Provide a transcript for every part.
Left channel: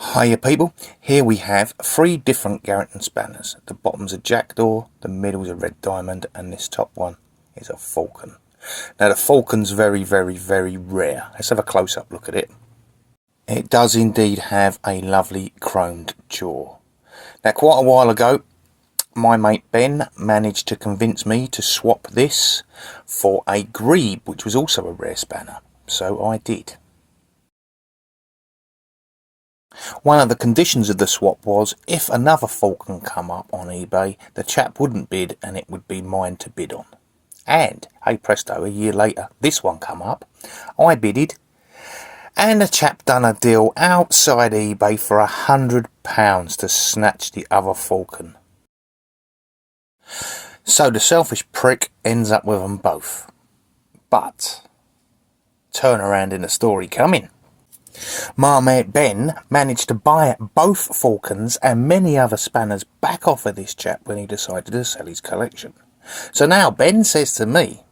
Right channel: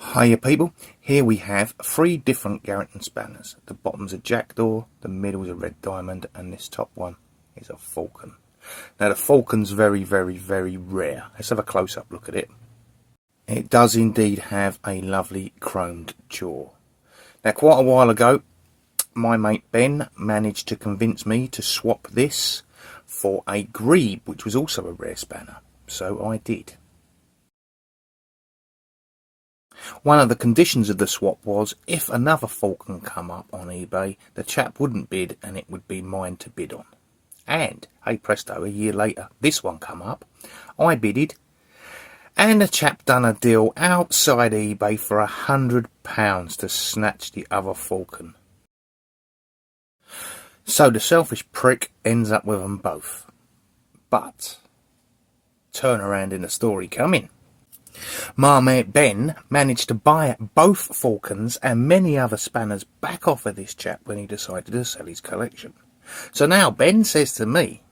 Hiya people, here we have 3 different Garrington spanners. The bottom's a jackdaw, the middle's a red diamond, and this top one is a falcon. Now the falcon's very rare. Let's have a close-up look at it. It does indeed have a lovely chromed jaw. Now quite a while ago, my mate Ben managed to convince me to swap this for a grebe, which was also a rare spanner, so I did. One of the conditions of the swap was, if another falcon come up on eBay, the chap wouldn't bid and it would be mine to bid on. And, hey presto, a year later, this one come up. I bidded, and the chap done a deal outside eBay for £100 to snatch the other falcon. So the selfish prick ends up with them both. But, turn around in the story coming. My mate Ben managed to buy both falcons and many other spanners back off of this chap when he decided to sell his collection. So now Ben says to me,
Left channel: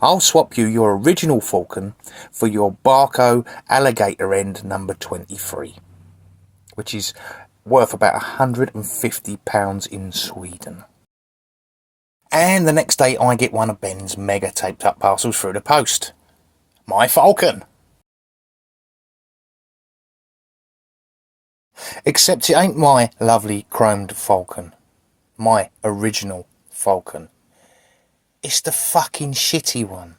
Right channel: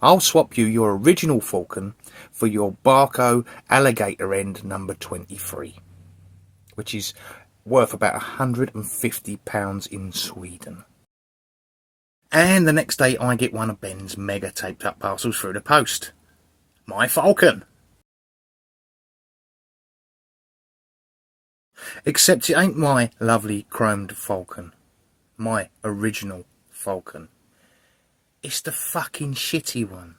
I'll swap you your original falcon for your bahco alligator end number 23, which is worth about £150 in Sweden. And the next day I get one of Ben's mega taped up parcels through the post. My falcon! Except it ain't my lovely chromed falcon. My original falcon. It's the fucking shitty one.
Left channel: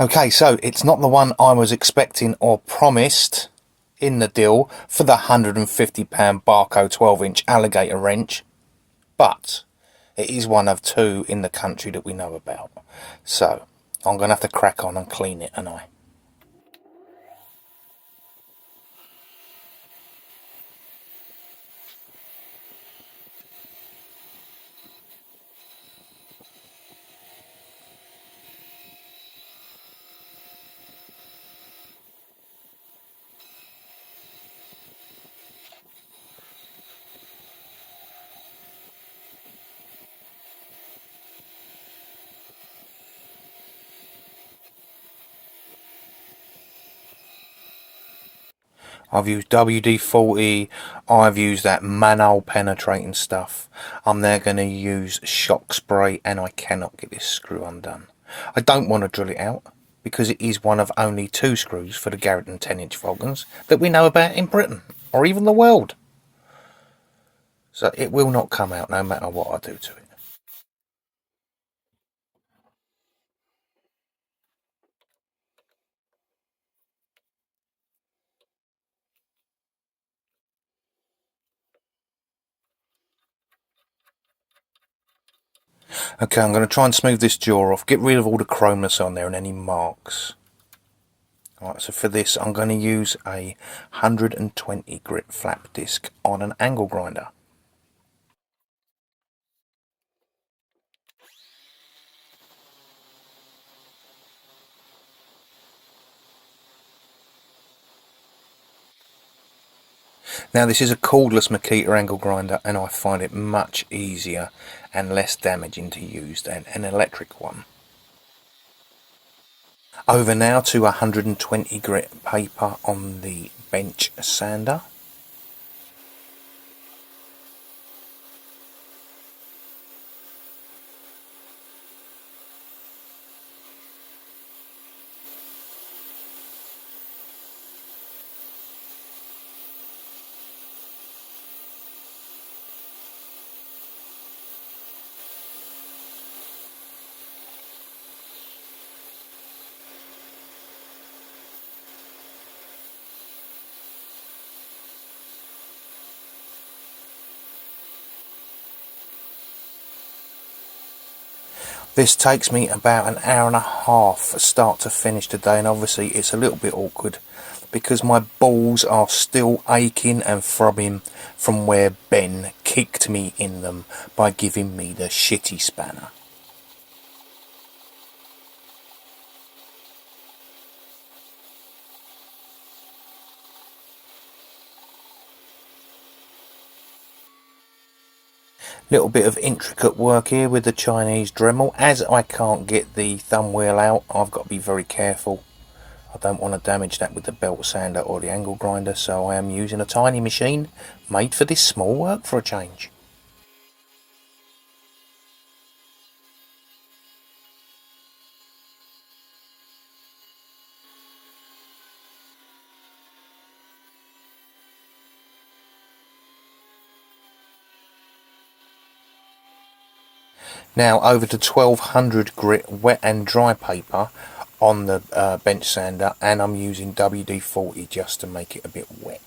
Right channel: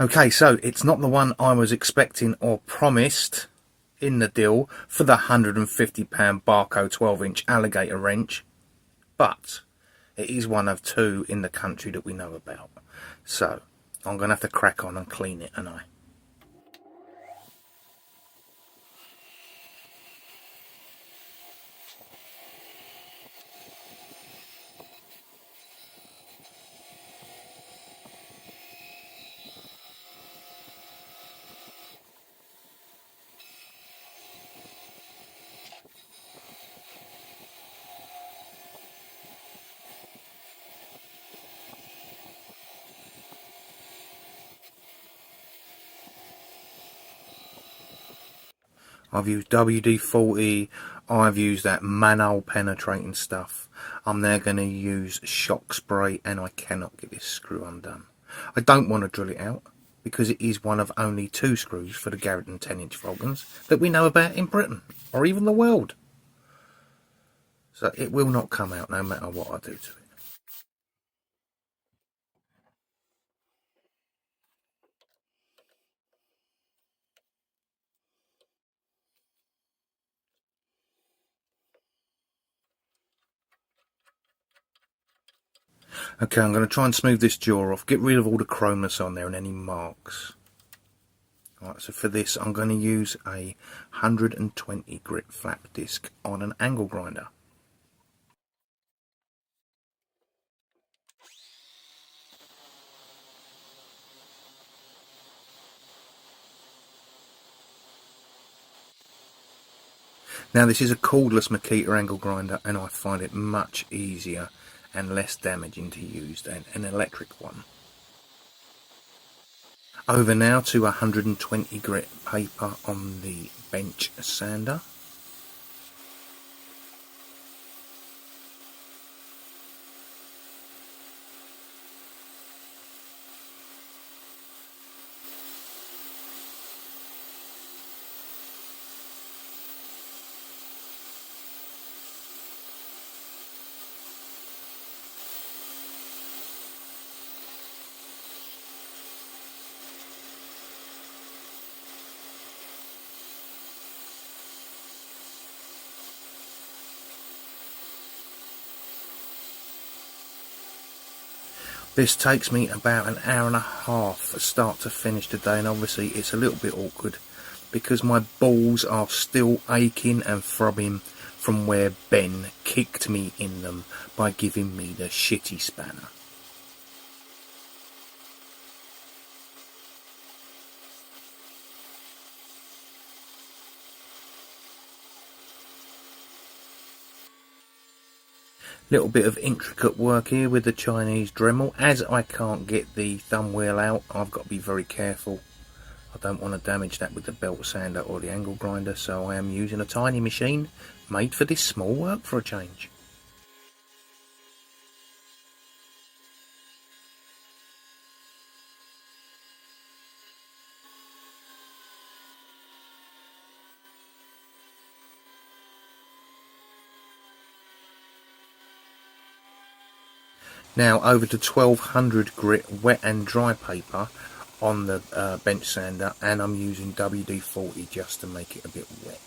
Okay, so it's not the one I was expecting or promised in the deal for the £150 bahco 12-inch alligator wrench, but it is one of 2 in the country that we know about. So I'm going to have to crack on and clean it, and I. I've used WD-40, I've used that manhole penetrating stuff. I'm now going to use shock spray, and I cannot get this screw undone. I don't want to drill it out because it is one of only 2 screws for the Garrington 10-inch falcons that we know about in Britain or even the world. So it will not come out no matter what I do to it. Okay, I'm going to try and smooth this jaw off, get rid of all the chromeness on there and any marks. Alright, so for this I'm going to use a 120 grit flap disc on an angle grinder. Now this is a cordless Makita angle grinder, and I find it much easier and less damaging to use than an electric one. Over now to 120 grit paper on the bench sander. This takes me about an hour and a half start to finish today, and obviously it's a little bit awkward because my balls are still aching and throbbing from where Ben kicked me in them by giving me the shitty spanner. Little bit of intricate work here with the Chinese Dremel. As I can't get the thumb wheel out, I've got to be very careful I don't want to damage that with the belt sander or the angle grinder, so I am using a tiny machine made for this small work for a change. Now over to 1200 grit wet and dry paper on the bench sander, and I'm using WD-40 just to make it a bit wet.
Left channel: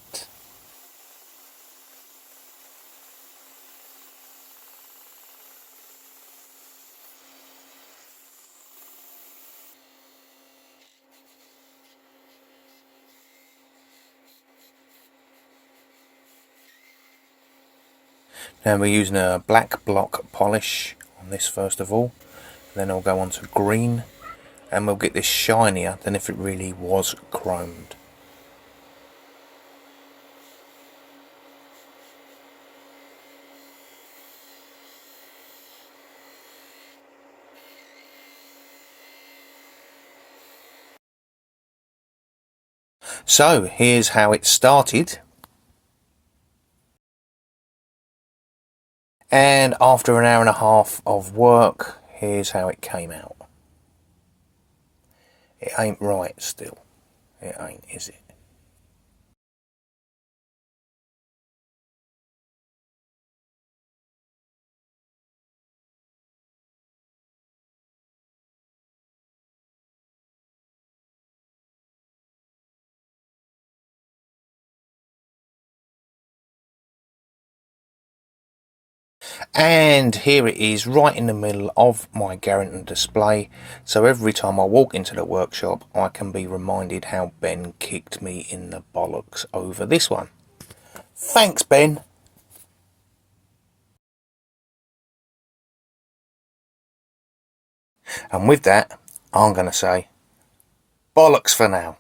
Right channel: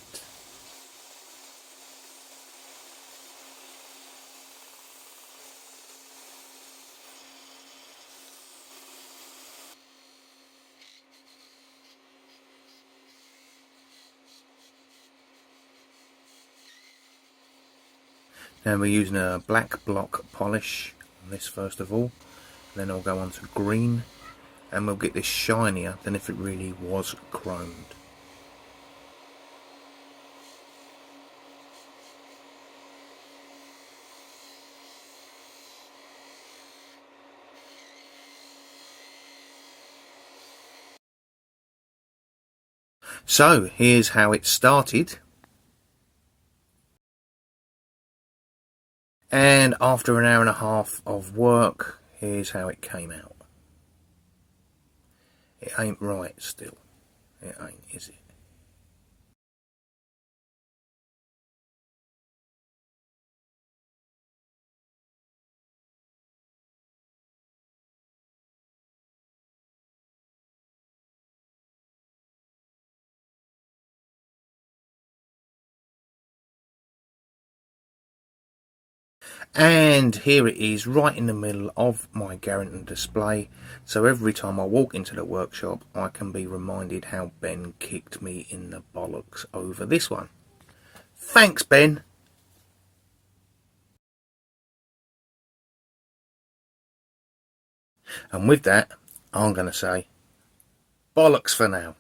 Now we're using a black block polish on this first of all, then I'll go on to green, and we'll get this shinier than if it really was chromed. So here's how it started, and after an hour and a half of work, here's how it came out. It ain't right still. It ain't, is it? And here it is right in the middle of my Garrington display, so every time I walk into the workshop I can be reminded how Ben kicked me in the bollocks over this one. Thanks, Ben. And with that, I'm going to say bollocks for now.